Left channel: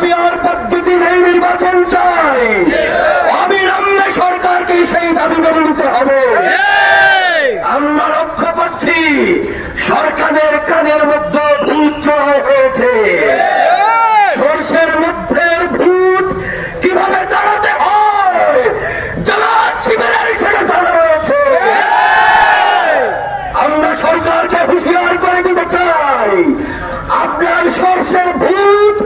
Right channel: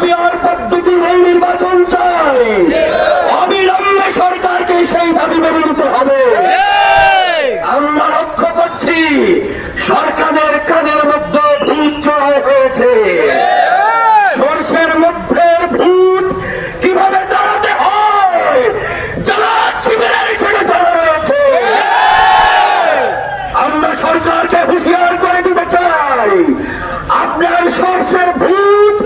Peer পদ্ধতিতে নির্বাচন চাই, অবিলম্বে সরকারকে সেই দাবি মেনে নিতে হবে। আমরা লক্ষ্য করছি সরকারের কানের মধ্যে ভূত চড়া হয়েছে। সরষের মধ্যে ভূত কিভাবে তাড়াতে হয় জামাত শিবিরের ছেলে চড়া রয়েছে। আমরা সরকারকে হুঁশিয়ার করে দিতে চাই, আপনার সরষের ভূত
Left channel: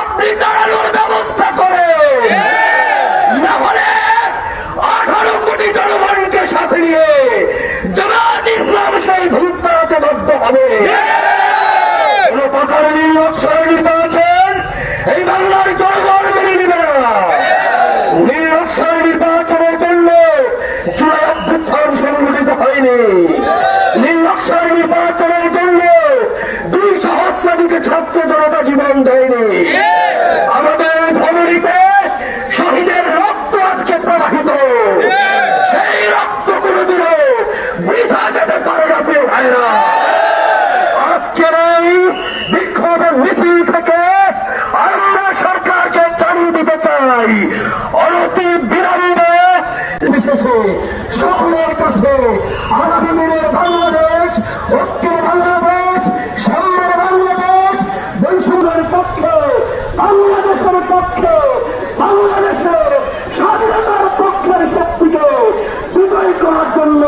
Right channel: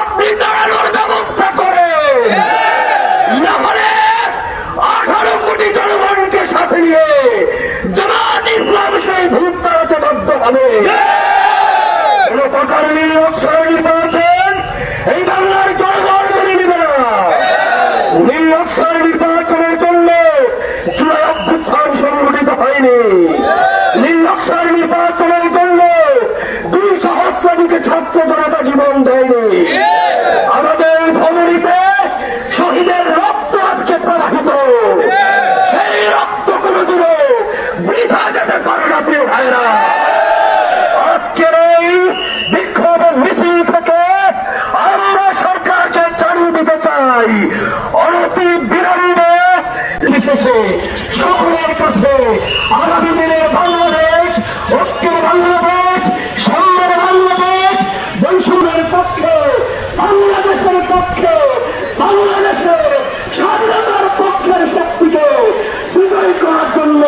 আপনি তাড়ানোর ব্যবস্থা করে, না হলে 18 কোটি জনগণকে সাথে নিয়ে জামাত ইসলাম সেই ভূত তাড়াতে বাধ্য হবে। কোন প্রকার নির্লজ্জের নির্বাচন এই বাংলার জনগণ মেনে নেবে না। নির্লজ্জের নির্বাচনের জন্য জুলাই অভ্যুত্থান সংগঠিত হয়নি। নির্লজ্জের নির্বাচনের জন্য 2 সহস্রাধিক ছাত্র জনতা জীবন দেয়নি। আমাদের ফলরিতে শহীদের রক্ত আজকে প্রবাহিত, সেই রক্ত কোনদিনও বৃথা যেতে পারে না। প্রিয় ভাইরা, আজকের এই বিক্ষোভ মিছিল থেকে আমরা সরকারকে জানিয়ে দিতে চাই, অনতি বিলম্বে বিশেষে সকলের কাছে আগামী দিনের বাংলাদেশ, ঐক্যের বাংলাদেশ, সম্মান বাংলাদেশ, বৈষম্যের পক্ষে, বাংলাদেশের পক্ষে, বাংলাদেশের স্বাধীনতার পক্ষের শক্তিকে বিজয় করার জন্য